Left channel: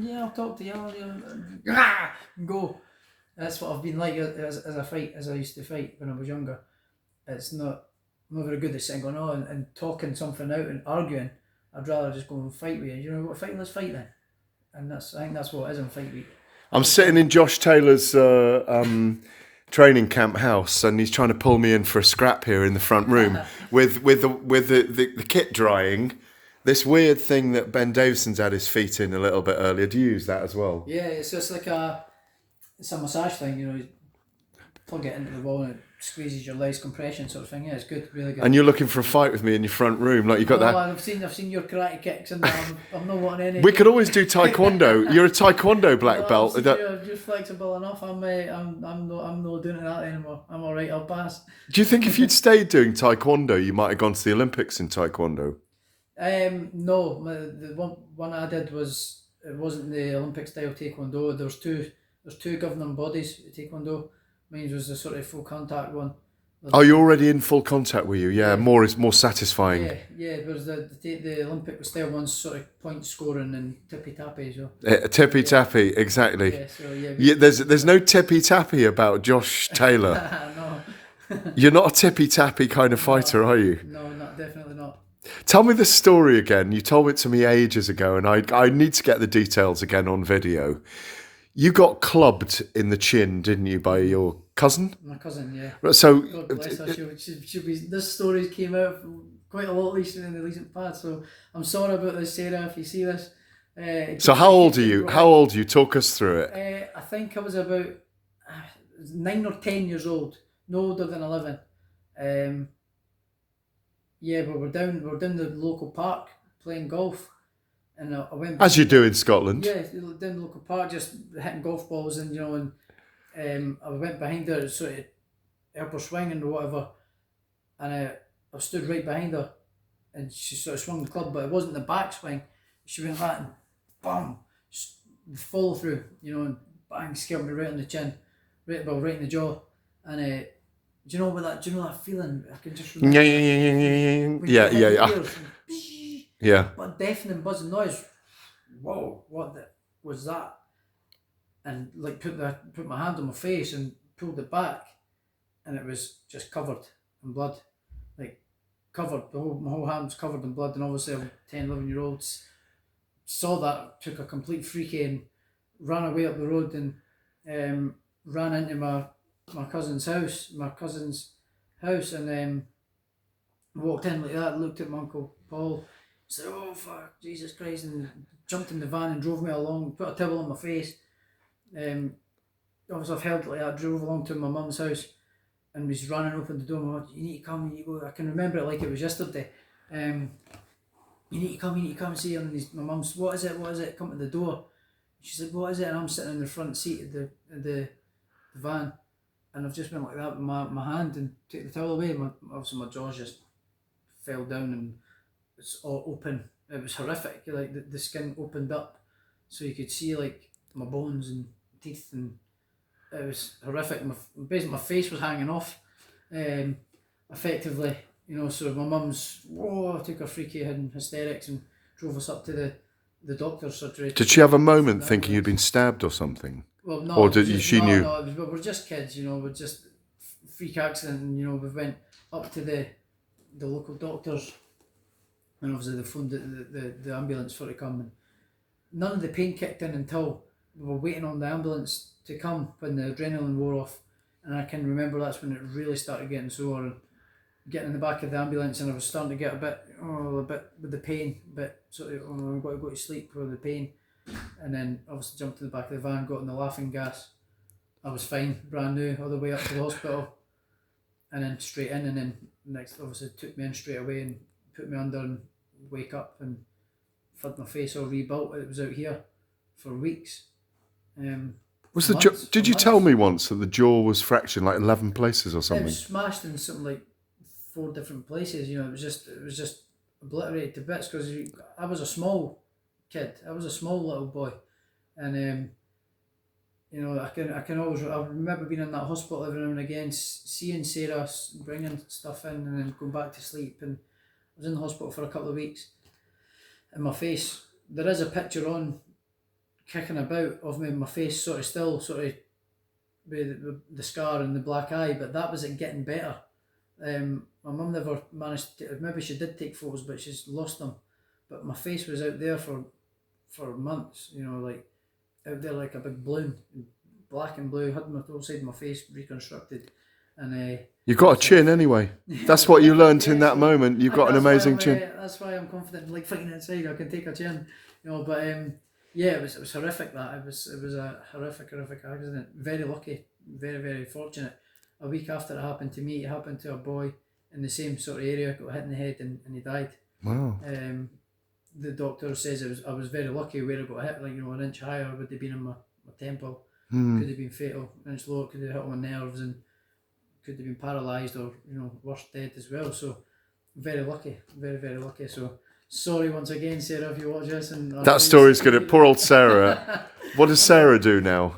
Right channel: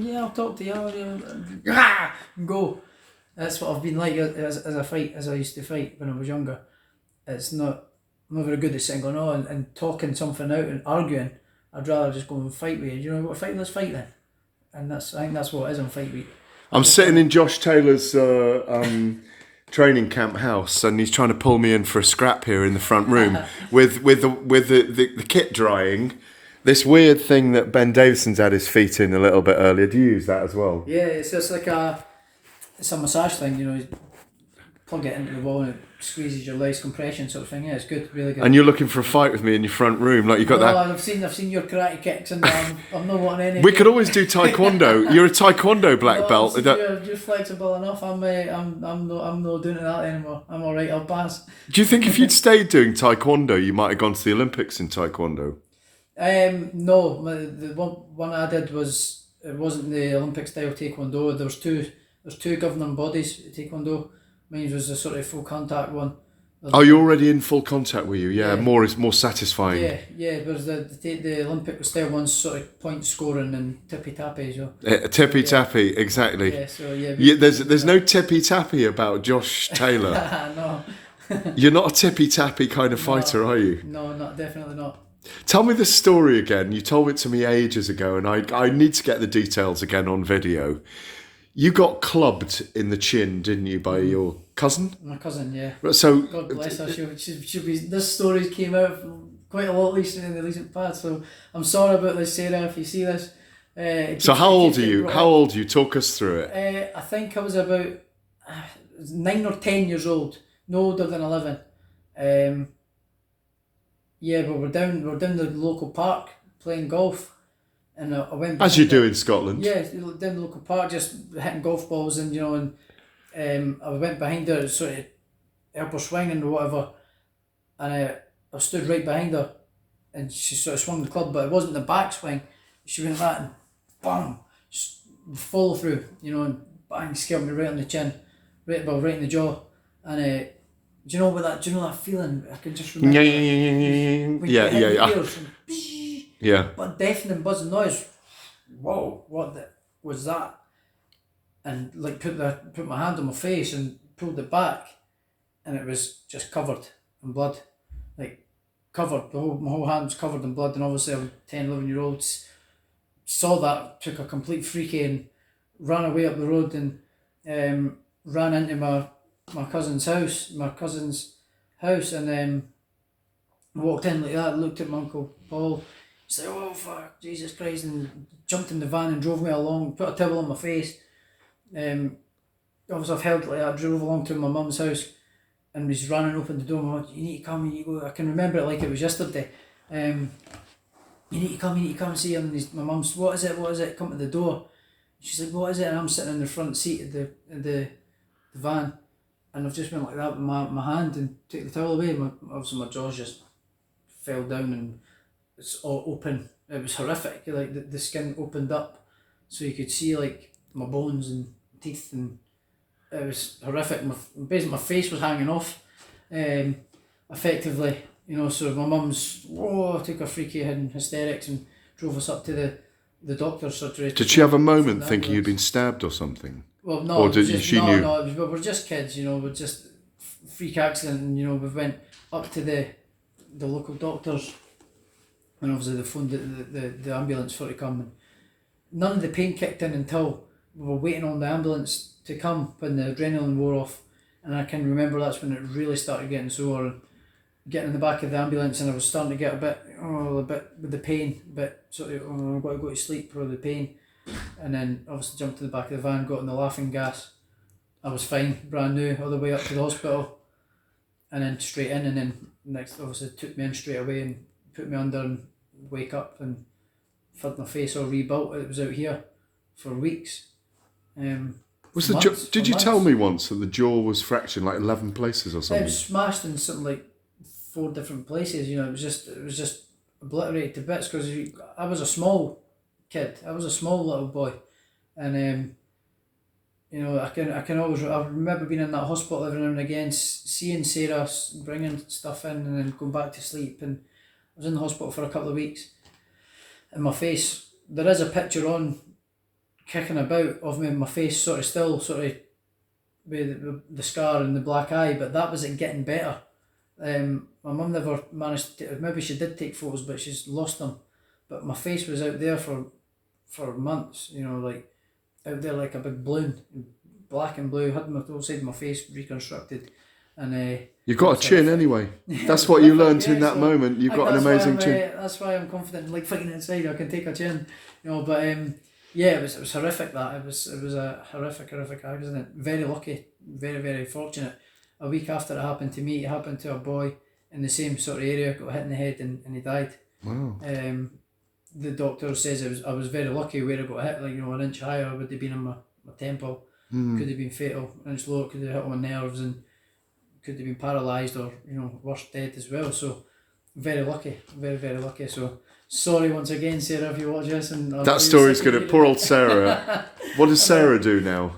Yeah, I'll talk to you. Go. That's what I've been like as I used to fight when I was younger. It's not, I'm not very good at sitting going on and talking something out and arguing. I'd rather just go and fight with you. You know what, fight? Let's fight then. And I think that's what it is on fight week. I'm sitting in Josh Taylor's training camp house, and he's trying to pull me in for a scrap here in the front room with the kit drying. This weird thing that Ben Davison's had his feet in a little bit earlier. Do you use that as well? Yeah, it's just like it's a massage thing, you know. You plug it into the wall and it squeezes your legs, compression sort of thing. Yeah, it's good, really good. And you're looking for a fight with me in your front room, like you got that. I've seen your karate kicks, and I'm not wanting any. We could always do taekwondo. You're a taekwondo black belt. You're flexible enough. I'm not doing that anymore. I'm all right. I'll pass. Do you think if you'd stayed doing taekwondo, you might have gone to the Olympics in taekwondo? No, the one I did it wasn't the Olympic style taekwondo. There's two governing bodies at taekwondo. Mine was the sort of full contact one. Oh, you're already in full contact, were you? Yeah, more is more satisfying. Yeah. Whereas the Olympic style one's sort of point scoring and tippy tappy. So tippy tappy, exactly. Yeah. So yeah. There's no tippy tappy about Josh Taylor. No. You're not a tippy tappy kind of fighter, are you? No, definitely not. Tell me the story again. You told it to me ages ago, and I need to get the details again on video. You got clubbed in the chin, didn't you, by your cousin? My cousin, yeah. So God bless her. She'll be. This story came out quite a lot recently in the recent past, so I'm sorry about this, Sarah. If you see this. So how old are you? How old are you? Talk us through it. I think I was about 9 or 10 years old, no older than 11. Yeah, but we're down the local park playing golf, and I went. As you do in Scotland. Yeah, down the local park, just hitting golf balls, and I went behind her, sort of help her swing and whatever, and I stood right behind her, and she sort of swung the club, but it wasn't the back swing. She went like that and bam, follow through, and bang, scared me right on the chin, right in the jaw, and. Do you know that feeling? I can just remember. Yeah. But deafening buzzing noise. Whoa! What was that? And like put my hand on my face and pulled it back, and it was just covered in blood, like covered. My whole hand was covered in blood, and obviously I'm 10, 11-year-olds saw that, took a complete freaky and ran away up the road and ran into my cousin's house, and walked in like that, looked at my Uncle Paul, said, "Oh fuck, Jesus Christ," and jumped in the van and drove me along, put a towel on my face. Obviously I've held it like that, drove along to my mum's house, and was running, opened the door, and went, "You need to come, you need to go." I can remember it like it was yesterday. "You need to come and see him." And my mum's, what is it, come to the door. She's like, "What is it?" And I'm sitting in the front seat of the van. And I've just went like that with my hand and took the towel away. Obviously my jaws just fell down and it's all open. It was horrific. Like the skin opened up, so you could see like my bones and teeth, and it was horrific. Basically my face was hanging off, effectively. So my mum's took a freaky head in hysterics and drove us up to the doctor's surgery. Did she have a moment thinking you'd been stabbed or something? Well, no, or did she knew? No, we're just kids, we're just freak accident, and we went up to the local doctors, and obviously they phoned the ambulance for it to come, and none of the pain kicked in until we were waiting on the ambulance to come when the adrenaline wore off, and I can remember that's when it really started getting sore, and getting in the back of the ambulance, and I was starting to get a bit with the pain, but sort of I've got to go to sleep with the pain. And then obviously jumped to the back of the van, got in the laughing gas. I was fine, brand new, all the way up to the hospital, and then straight in, and then next obviously took me in straight away and put me under and wake up and had my face all rebuilt. It was out here for weeks. Did you tell me once that the jaw was fractured like 11 places or something? It was smashed in something like 4 different places. It was just obliterated to bits because I was a small kid. I was a small little boy, and I remember being in that hospital every now and again, seeing Sarah bringing stuff in and then going back to sleep, and I was in the hospital for a couple of weeks. And my face, there is a picture on kicking about of me, my face sort of still sort of with the scar and the black eye, but that was it getting better. My mum never managed to, maybe she did take photos, but she's lost them. But my face was out there for months, you know, like out there like a big balloon, black and blue. Had my whole side of my face reconstructed, and you've got a chin anyway. That's what you learned in that moment. You've got an amazing chin. That's why I'm confident. Like fighting inside, I can take a chin, you know. But yeah, it was horrific. That it was a horrific accident. Very lucky, very fortunate. A week after it happened to me, it happened to a boy in the same sort of area. Got hit in the head and he died. Wow. The doctor says I was very lucky where I got hit. Like, you know, an inch higher would have been in my temple. Could have been fatal. An inch lower could have hit on my nerves and could have been paralysed or, you know, worse, dead as well. So very lucky, very lucky. So sorry once again, Sarah, if you watch this. And that story's good. At poor old Sarah. What does Sarah do now?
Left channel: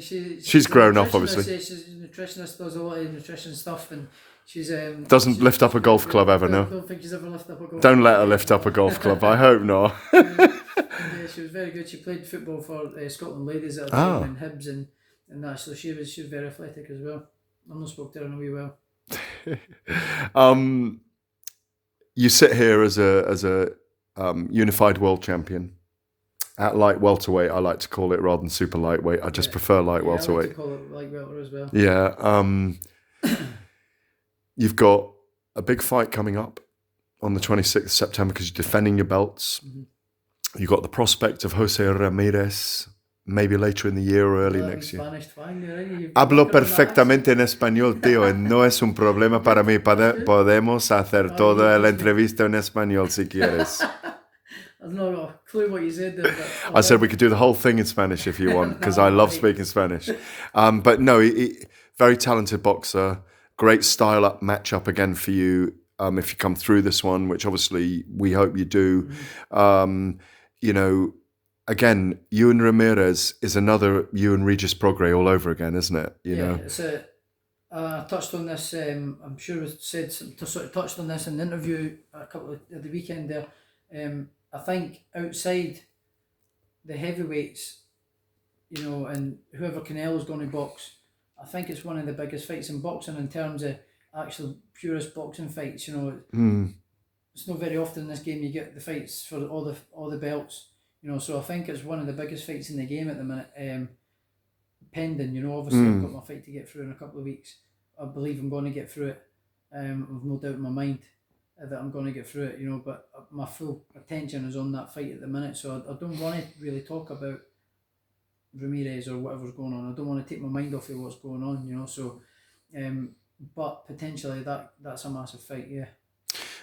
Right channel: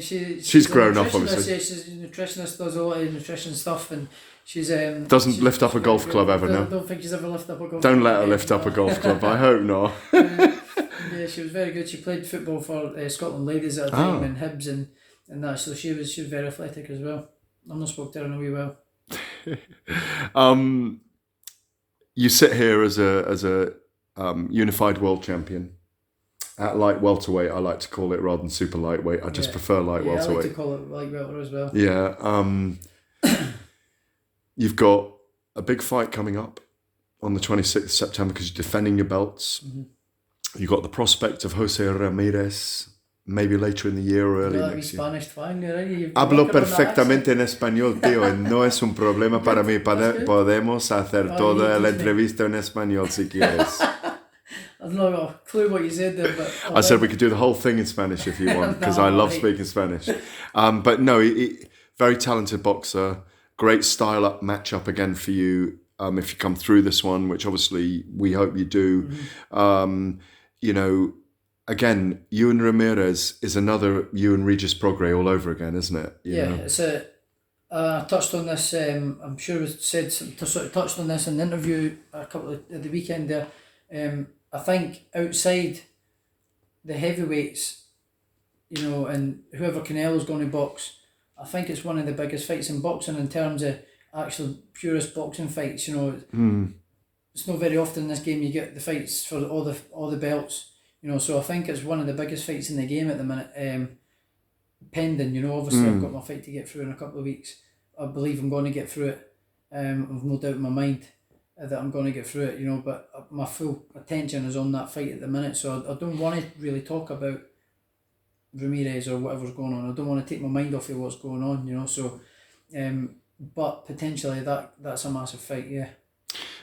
She's grown up, obviously. She's a nutritionist, does a lot of nutrition stuff, and she's doesn't lift up a golf club ever. No, I don't think she's ever lifted up a golf. Don't let her lift up a golf club. I hope not. Yeah, she was very good. She played football for Scotland Ladies at a time and Hibs and that. So she was very athletic as well. I've not spoke to her in a wee while. You sit here as a unified world champion. At light welterweight, I like to call it, rather than super lightweight. I just prefer light welterweight. I like to call it light welter as well. Yeah. You've got a big fight coming up on the 26th of September because you're defending your belts. Mm-hmm. You've got the prospect of Jose Ramirez, maybe later in the year or early next year. Spanish fine, right? Hablo perfectamente en español, tío, y no es un problema para mí. Podemos hacer toda la entrevista en español si quieres. I've not got a clue what you said there, but I said we could do the whole thing in Spanish if you want, because I love speaking Spanish. But no, very talented boxer, great style up matchup again for you if you come through this one, which obviously we hope you do. Mm-hmm. You know, again, you and Ramirez is another you and Regis Prograis all over again, isn't it? You know? It's I touched on this. I'm sure we said sort of touched on this in the interview a couple of the weekend there. I think outside the heavyweights, you know, and whoever Canelo's going to box, I think it's one of the biggest fights in boxing in terms of actual purest boxing fights. You know, it's not very often in this game you get the fights for all the belts. You know, so I think it's one of the biggest fights in the game at the minute. Pending, you know, obviously I've got my fight to get through in a couple of weeks. I believe I'm going to get through it. I've no doubt in my mind that I'm going to get through it, you know, but my full attention is on that fight at the minute, so I don't want to really talk about Ramirez or whatever's going on. I don't want to take my mind off of what's going on, you know, so but potentially that's a massive fight, yeah.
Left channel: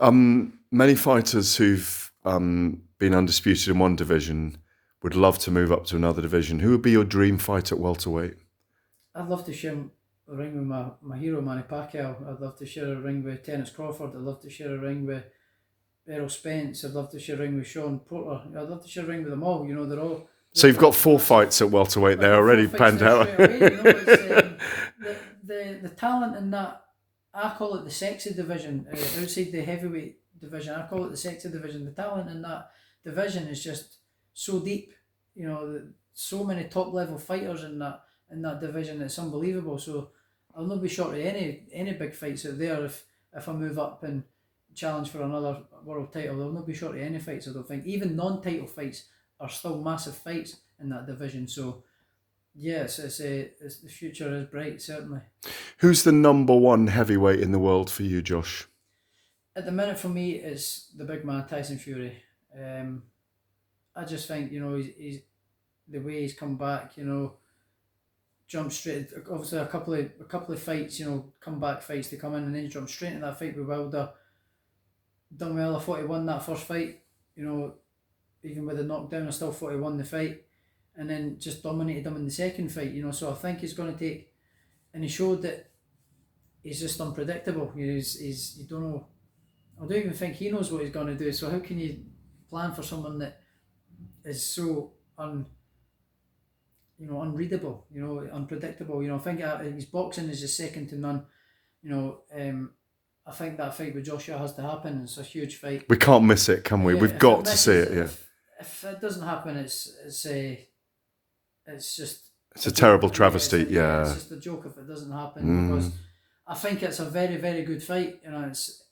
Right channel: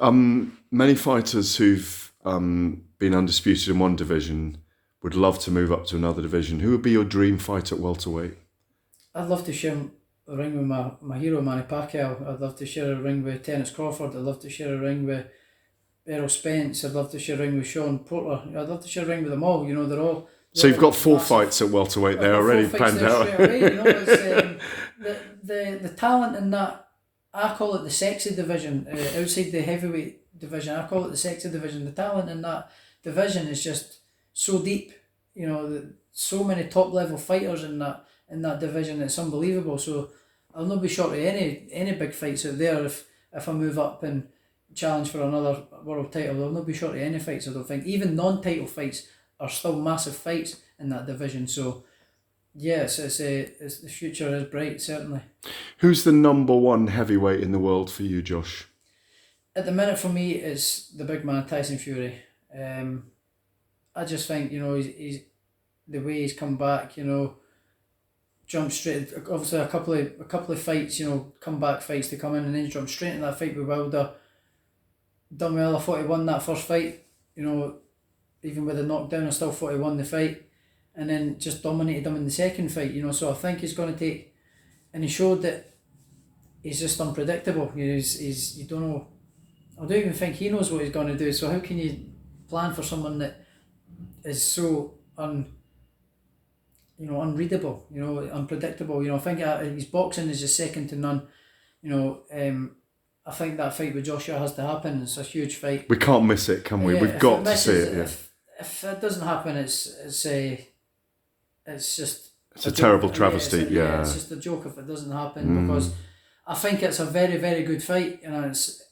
Many fighters who've been undisputed in one division would love to move up to another division. Who would be your dream fight at welterweight? I'd love to share a ring with my hero Manny Pacquiao. I'd love to share a ring with Terence Crawford. I'd love to share a ring with Errol Spence. I'd love to share a ring with Sean Porter. I'd love to share a ring with them all. You know, they're all. So you've got 4 fights at welterweight there already planned out. Away, you know, it's, the talent in that, I call it the sexy division. Outside the heavyweight division, I call it the sexy division. The talent in that division is just so deep. You know, so many top level fighters in that division. It's unbelievable. So I'll not be short of any big fights out there if I move up and challenge for another world title. I'll not be short of any fights, I don't think. Even non-title fights are still massive fights in that division. So yes, it's the future is bright, certainly. Who's the number one heavyweight in the world for you, Josh? At the minute for me, it's the big man Tyson Fury. I just think, you know, he's the way he's come back, you know, jump straight. Obviously, a couple of fights, you know, comeback fights to come in, and then jump straight into that fight with Wilder. Done well. I thought he won that first fight. You know, even with the knockdown, I still thought he won the fight, and then just dominated him in the second fight. You know, so I think he's going to take, and he showed that he's just unpredictable. You know, he's you don't know. I don't even think he knows what he's going to do. So how can you plan for someone that is so unreadable, you know, unpredictable. You know, I think his boxing is just second to none. You know, I think that fight with Joshua has to happen. It's a huge fight. We can't miss it, can we? We've got to see it. Yeah. If it doesn't happen, it's it's just It's a terrible travesty. Yeah. It's just a joke if it doesn't happen, because I think it's a very, very good fight. You know, it's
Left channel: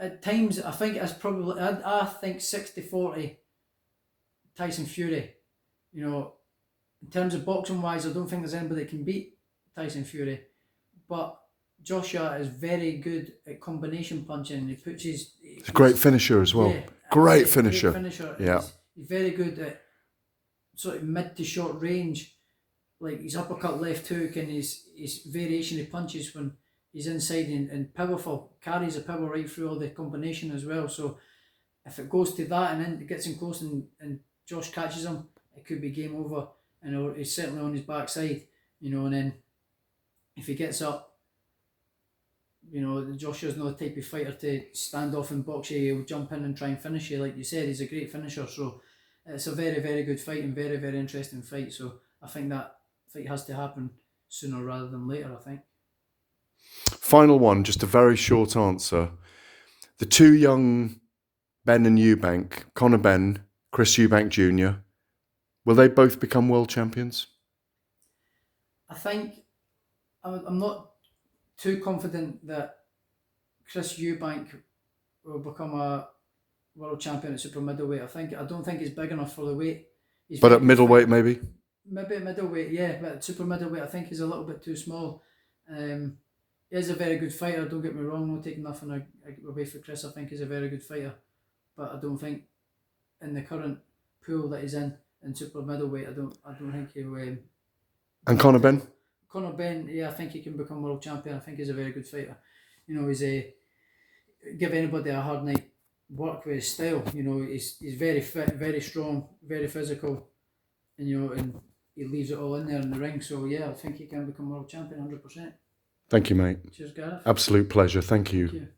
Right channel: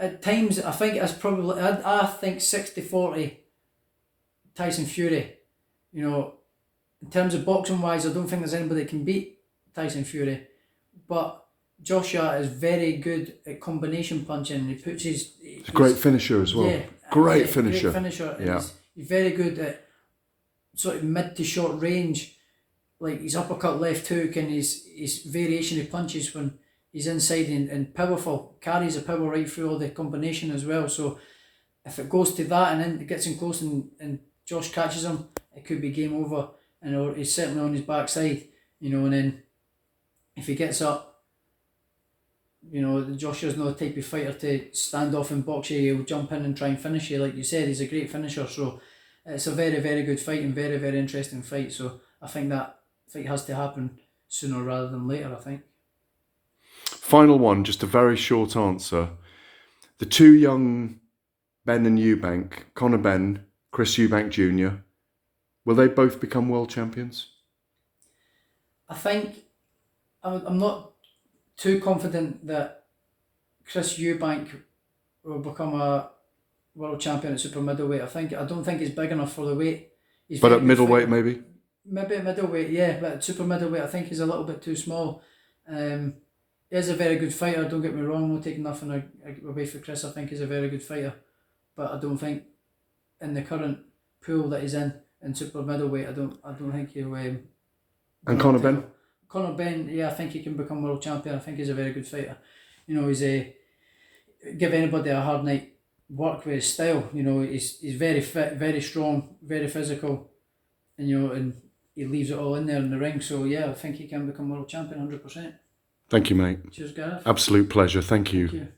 at times I think it's probably I think 60-40 Tyson Fury. You know, in terms of boxing wise, I don't think there's anybody that can beat Tyson Fury, but Joshua is very good at combination punching. And he puts He's a great finisher as well. Yeah, Great finisher. Great finisher. And Yeah. he's very good at sort of mid to short range, like his uppercut, left hook, and his variation of punches when he's inside and powerful, carries a power right through all the combination as well. So if it goes to that and then it gets him close and Josh catches him, it could be game over. And he's certainly on his backside, you know. And then if he gets up, you know, Joshua's not the type of fighter to stand off and box you. He'll jump in and try and finish you. Like you said, he's a great finisher. So it's a very, very good fight and very, very interesting fight. So I think that fight has to happen sooner rather than later, I think. Final one, just a very short answer. The two young Ben and Eubank, Conor Ben, Chris Eubank Jr., will they both become world champions? I think I'm not too confident that Chris Eubank will become a world champion at super middleweight. I don't think he's big enough for the weight. But at middleweight, maybe? Maybe at middleweight, yeah. But at super middleweight, I think he's a little bit too small. He is a very good fighter, don't get me wrong. I'm not taking nothing away for Chris. I think he's a very good fighter. But I don't think in the current pool that he's in super middleweight, I don't think he'll... And Conor Ben? Conor Ben, yeah, I think he can become world champion. I think he's a very good fighter. You know, give anybody a hard night work with his style. You know, he's very fit, very strong, very physical, and you know, and he leaves it all in there in the ring. So yeah, I think he can become world champion 100%. Thank you, mate. Cheers, Gareth. Absolute pleasure. Thank you. Thank you.